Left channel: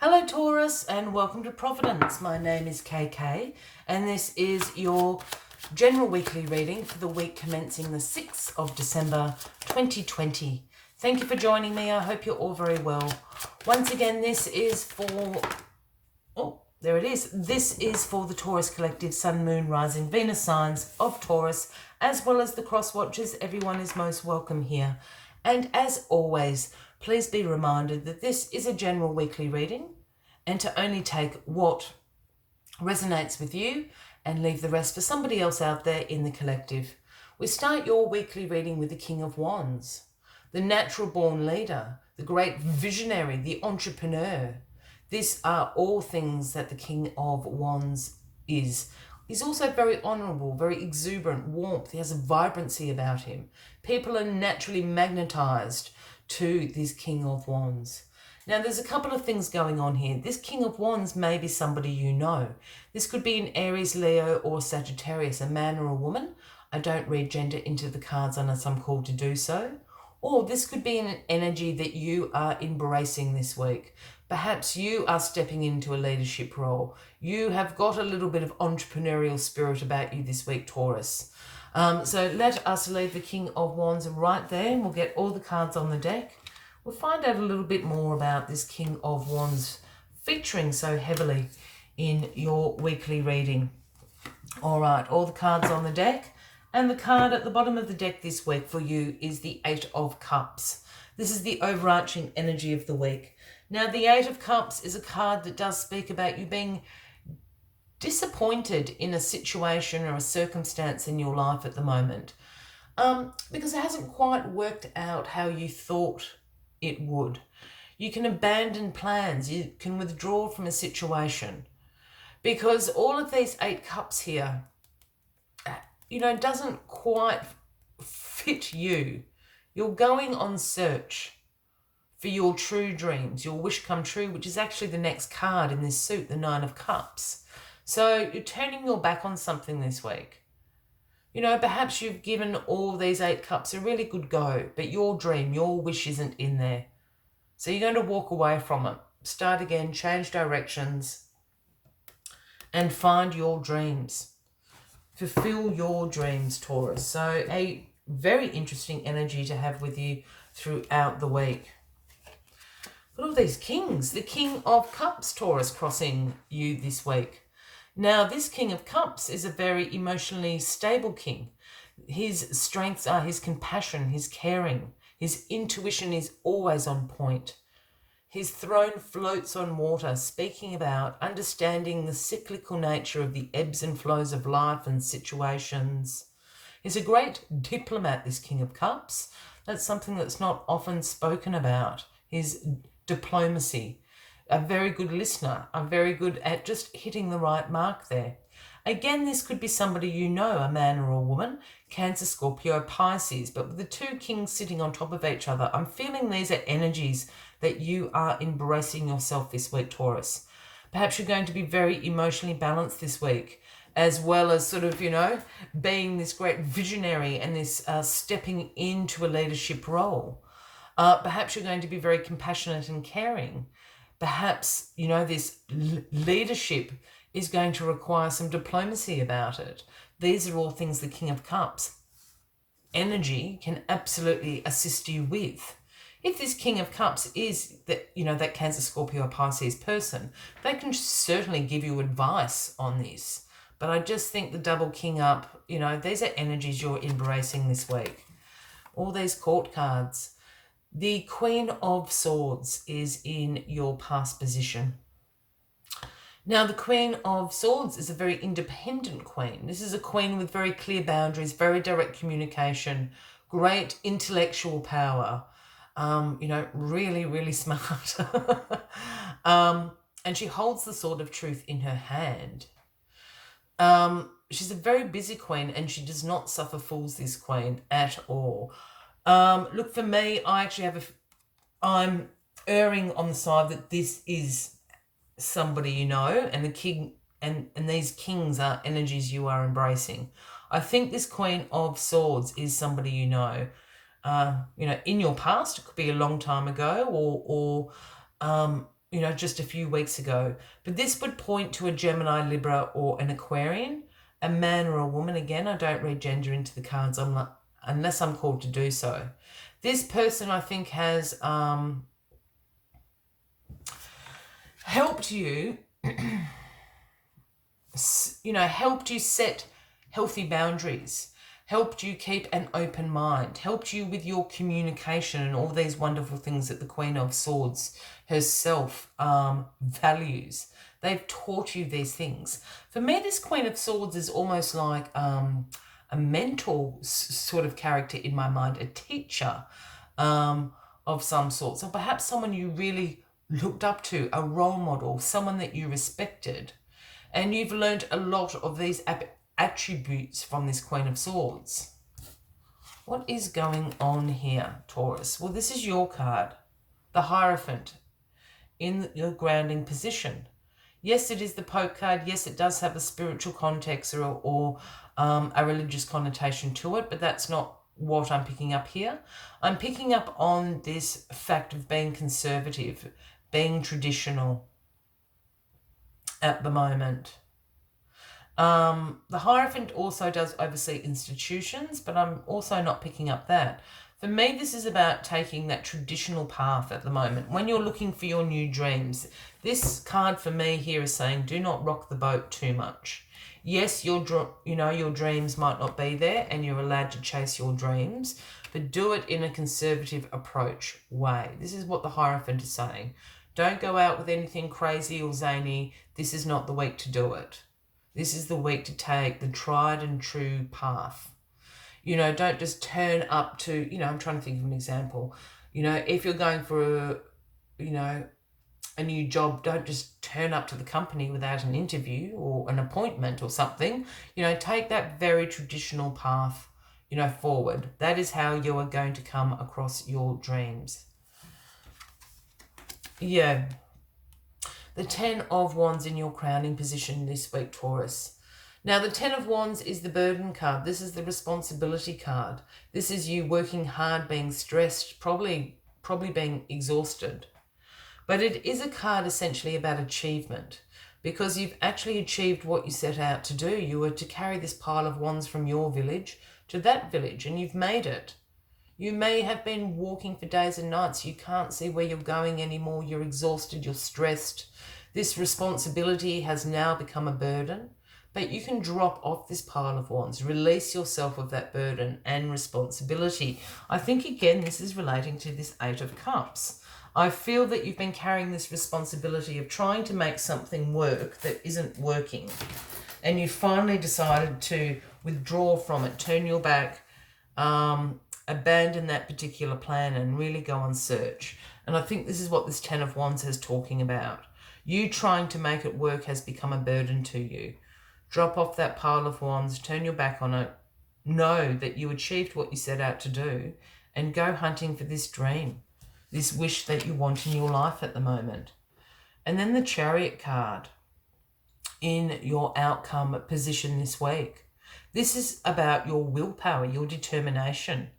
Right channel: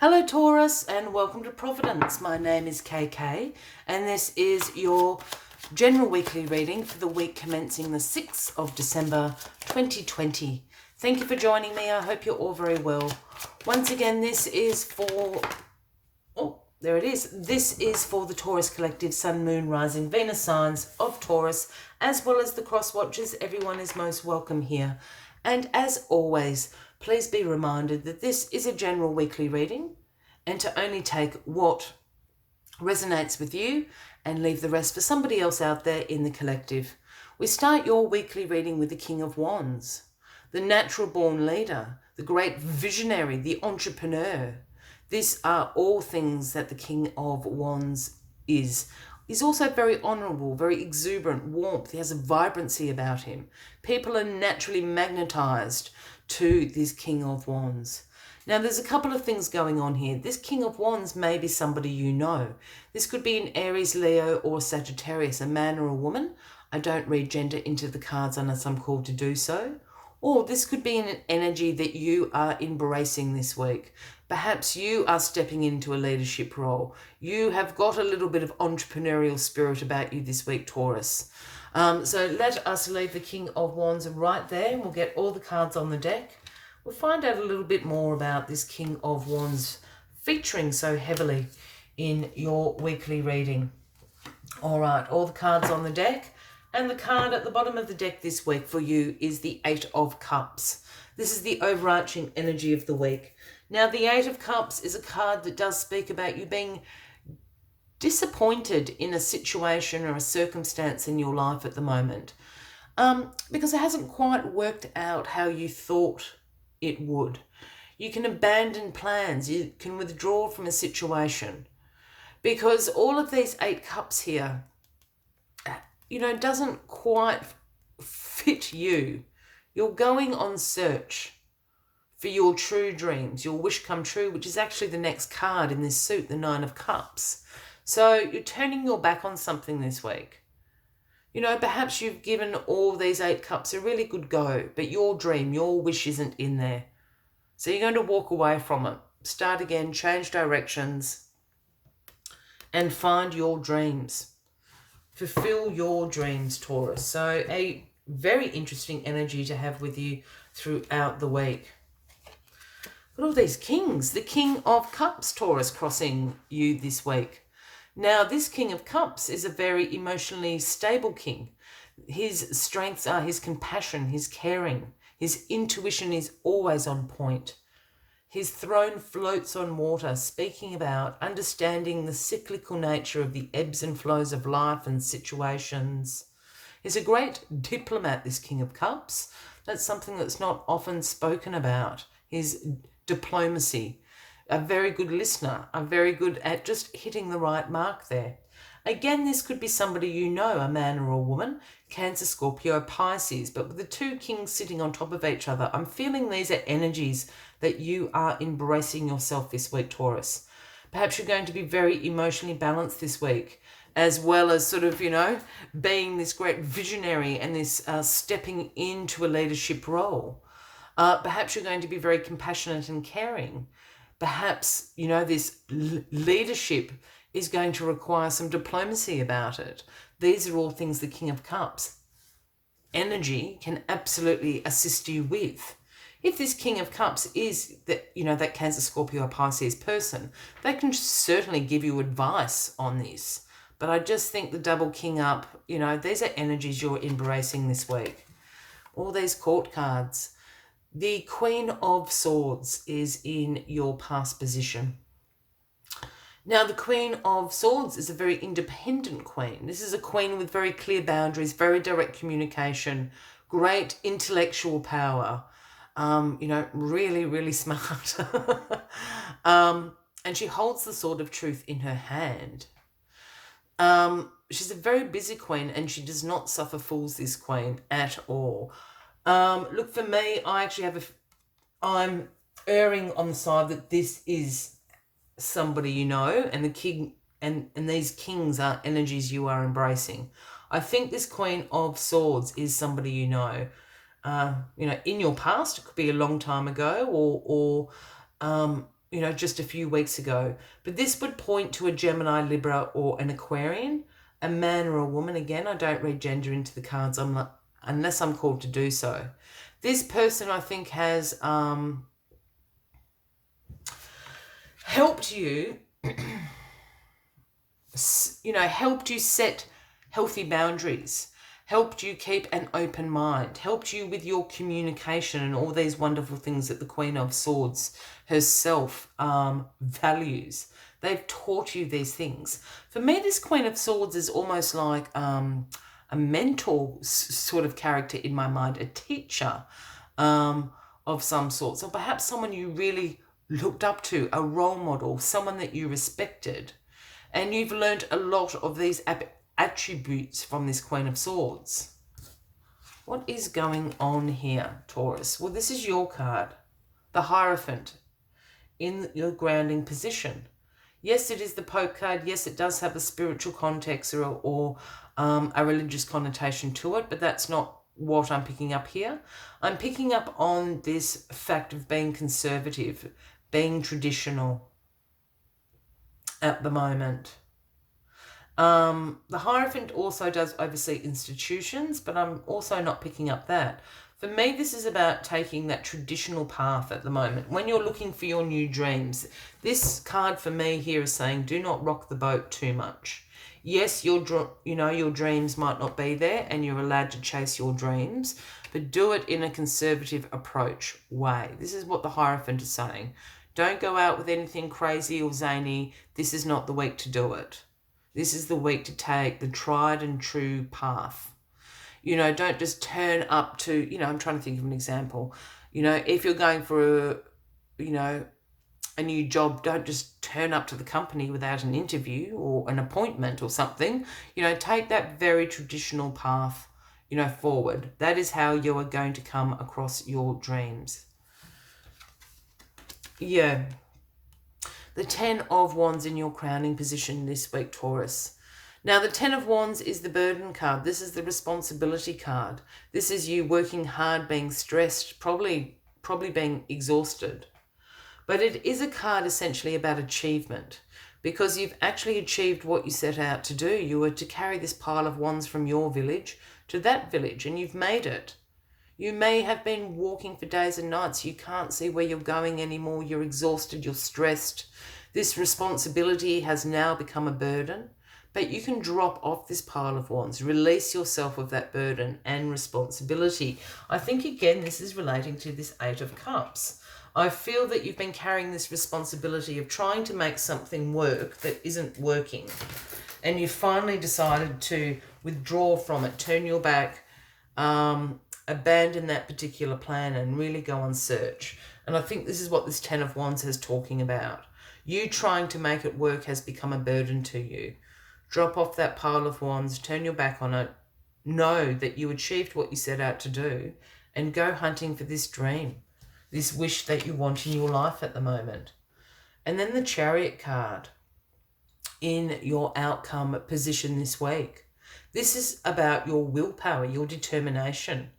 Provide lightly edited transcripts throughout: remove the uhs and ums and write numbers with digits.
Hello Taurus and welcome to Providence. My name is KK and this is your general weekly reading for the week commencing the 6th of December 2020. Thank you for joining me. I hope you're all very well. Once again, this is for... Oh, there it is. This is for the Taurus Collective Sun, Moon, Rising, Venus signs of Taurus, as well as the cross watchers. Everyone is most welcome here. And as always, please be reminded that this is a general weekly reading and to only take what resonates with you and leave the rest for somebody else out there in the collective. We start your weekly reading with the King of Wands, the natural born leader, the great visionary, the entrepreneur. These are all things that the King of Wands is. He's also very honourable, very exuberant, warmth. He has a vibrancy about him. People are naturally magnetised to this King of Wands. Now, there's a couple of things going on here. This King of Wands may be somebody you know. This could be an Aries, Leo, or Sagittarius, a man or a woman. I don't read gender into the cards unless I'm called to do so. Or this could be an energy that you are embracing this week. Perhaps you are stepping into a leadership role. You have got a little bit of entrepreneurial spirit about you this week, Taurus. So let us leave the King of Wands right there and we'll get all the cards on the deck. We'll find out a little bit more about this King of Wands featuring so heavily in your weekly reading. All right, all the cards on the deck. And the card at the bottom of the deck this week for you is the Eight of Cups. This is the overarching energy of the week. Now, the Eight of Cups is a card that does speak about you being disappointed in a situation or a circumstance in your life at the moment because it hasn't quite worked out how you thought it would. You can abandon plans. You can withdraw from a situation because all of these 8 cups here, doesn't quite fit you. You're going on search for your true dreams, your wish come true, which is actually the next card in this suit, the 9 of Cups. So you're turning your back on something this week. Perhaps you've given all these 8 cups a really good go, but your dream, your wish isn't in there. So you're going to walk away from it, start again, change directions, and find your dreams. Fulfill your dreams, Taurus. So a very interesting energy to have with you throughout the week. Look at all these kings. The King of Cups, Taurus, crossing you this week. Now, this King of Cups is a very emotionally stable king. His strengths are his compassion, his caring. His intuition is always on point. His throne floats on water, speaking about understanding the cyclical nature of the ebbs and flows of life and situations. He's a great diplomat, this King of Cups. That's something that's not often spoken about, his diplomacy. A very good listener, a very good at just hitting the right mark there. Again, this could be somebody you know, a man or a woman, Cancer, Scorpio, Pisces, but with the 2 kings sitting on top of each other, I'm feeling these are energies that you are embracing yourself this week, Taurus. Perhaps you're going to be very emotionally balanced this week, as well as sort of, being this great visionary and this stepping into a leadership role. Perhaps you're going to be very compassionate and caring. Perhaps, this leadership is going to require some diplomacy about it. These are all things the King of Cups energy can absolutely assist you with. If this King of Cups is that Cancer, Scorpio, Pisces person, they can certainly give you advice on this. But I just think the double king up, these are energies you're embracing this week. All these court cards. The Queen of Swords is in your past position. Now, the Queen of Swords is a very independent queen. This is a queen with very clear boundaries, very direct communication, great intellectual power, really, really smart. And she holds the sword of truth in her hand. She's a very busy queen and she does not suffer fools, this queen, at all. Look, for me, I'm erring on the side that this is somebody you know, and the king and these kings are energies you are embracing. I think this Queen of Swords is somebody you know. In your past, it could be a long time ago, or you know, just a few weeks ago. But this would point to a Gemini, Libra, or an Aquarian, a man or a woman. Again, I don't read gender into the cards unless I'm called to do so. This person, I think, has helped you, you know, helped you set healthy boundaries, helped you keep an open mind, helped you with your communication and all these wonderful things that the Queen of Swords herself values. They've taught you these things. For me, this Queen of Swords is almost like a mentor sort of character in my mind, a teacher of some sort. So perhaps someone you really looked up to, a role model, someone that you respected. And you've learned a lot of these attributes from this Queen of Swords. What is going on here, Taurus? Well, this is your card, the Hierophant, in your grounding position. Yes, it is the Pope card. Yes, it does have a spiritual context or a religious connotation to it, but that's not what I'm picking up here. I'm picking up on this fact of being conservative, being traditional at the moment. The Hierophant also does oversee institutions, but I'm also not picking up that. For me, this is about taking that traditional path at the moment. When you're looking for your new dreams, this card for me here is saying, do not rock the boat too much. Yes, your dreams might not be there and you're allowed to chase your dreams, but do it in a conservative approach way. This is what the Hierophant is saying. Don't go out with anything crazy or zany. This is not the week to do it. This is the week to take the tried and true path. You know, don't just turn up to, you know, I'm trying to think of an example. You know, if you're going for, a new job, don't just turn up to the company without an interview or an appointment or something. You know, take that very traditional path, forward. That is how you are going to come across your dreams. Yeah. The 10 of Wands in your crowning position this week, Taurus. Now, the 10 of Wands is the burden card. This is the responsibility card. This is you working hard, being stressed, probably being exhausted. But it is a card essentially about achievement, because you've actually achieved what you set out to do. You were to carry this pile of wands from your village to that village, and you've made it. You may have been walking for days and nights. You can't see where you're going anymore. You're exhausted. You're stressed. This responsibility has now become a burden, but you can drop off this pile of wands, release yourself of that burden and responsibility. I think, again, this is relating to this 8 of Cups. I feel that you've been carrying this responsibility of trying to make something work that isn't working, and you finally decided to withdraw from it, turn your back, abandon that particular plan and really go on search. And I think this is what this 10 of Wands is talking about. You trying to make it work has become a burden to you. Drop off that pile of wands, turn your back on it, know that you achieved what you set out to do, and go hunting for this dream, this wish that you want in your life at the moment. And then the Chariot card in your outcome position this week. This is about your willpower, your determination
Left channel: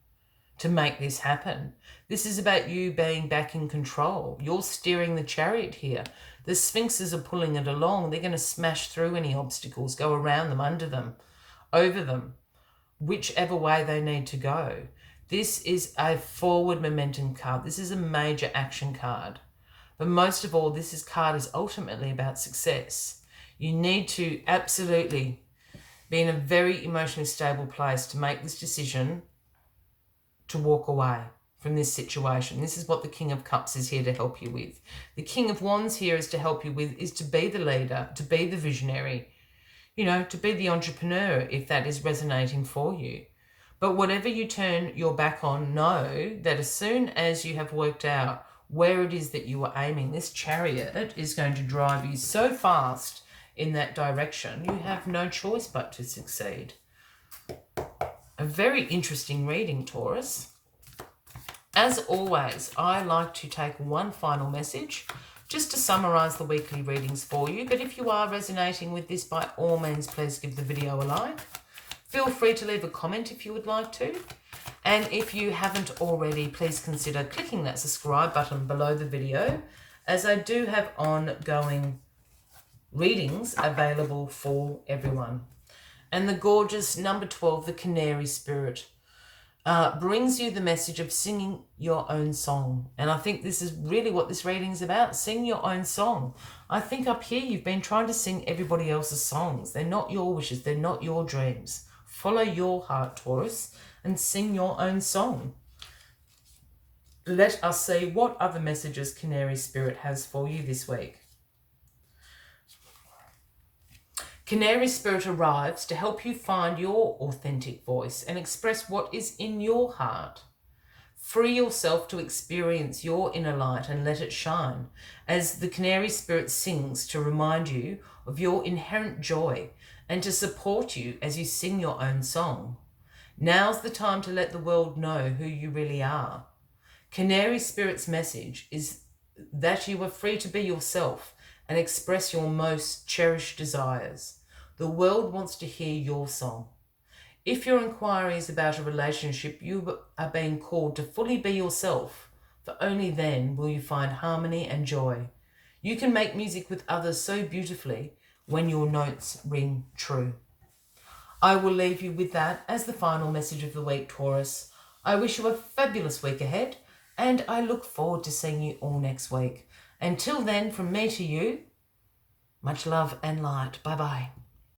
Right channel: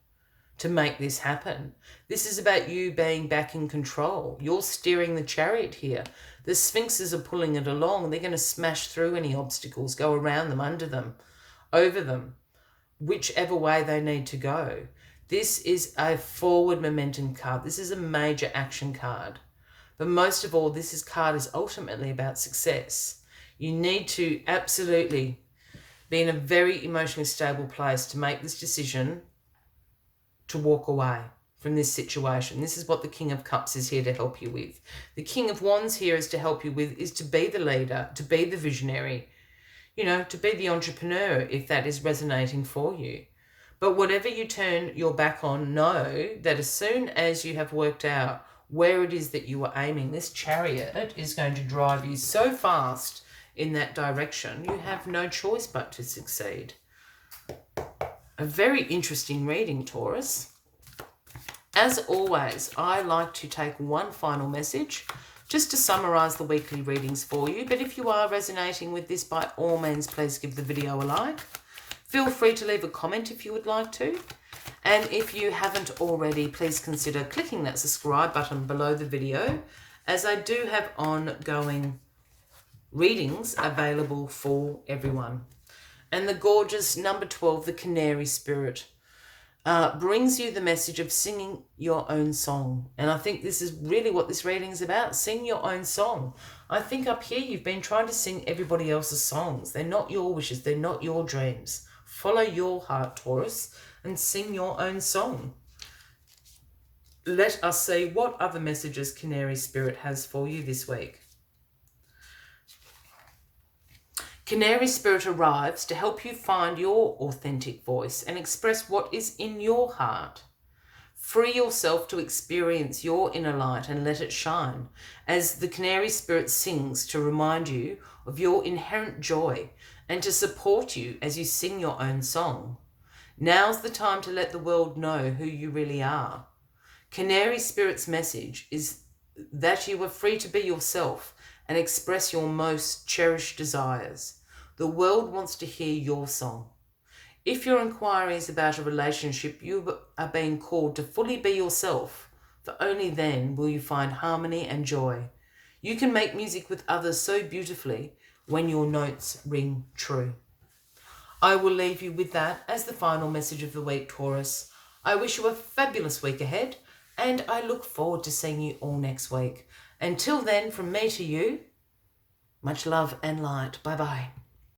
to make this happen. This is about you being back in control. You're steering the chariot here. The sphinxes are pulling it along. They're going to smash through any obstacles, go around them, under them, over them, whichever way they need to go. This is a forward momentum card. This is a major action card. But most of all, this card is ultimately about success. You need to absolutely be in a very emotionally stable place to make this decision to walk away from this situation. This is what the King of Cups is here to help you with. The King of Wands here is to help you with, is to be the leader, to be the visionary, to be the entrepreneur, if that is resonating for you. But whatever you turn your back on, know that as soon as you have worked out where it is that you are aiming, this chariot is going to drive you so fast in that direction, you have no choice but to succeed. A very interesting reading, Taurus. As always, I like to take one final message just to summarise the weekly readings for you. But if you are resonating with this, by all means, please give the video a like. Feel free to leave a comment if you would like to. And if you haven't already, please consider clicking that subscribe button below the video as I do have ongoing readings available for everyone. And the gorgeous number 12, the Canary Spirit, brings you the message of singing your own song. And I think this is really what this reading is about. Sing your own song. I think up here you've been trying to sing everybody else's songs. They're not your wishes. They're not your dreams. Follow your heart, Taurus, and sing your own song. Let us see what other messages Canary Spirit has for you this week. Canary Spirit arrives to help you find your authentic voice and express what is in your heart. Free yourself to experience your inner light and let it shine, as the Canary Spirit sings to remind you of your inherent joy and to support you as you sing your own song. Now's the time to let the world know who you really are. Canary Spirit's message is that you are free to be yourself and express your most cherished desires. The world wants to hear your song. If your inquiry is about a relationship, you are being called to fully be yourself, for only then will you find harmony and joy. You can make music with others so beautifully when your notes ring true. I will leave you with that as the final message of the week, Taurus. I wish you a fabulous week ahead, and I look forward to seeing you all next week. Until then, from me to you, much love and light. Bye-bye.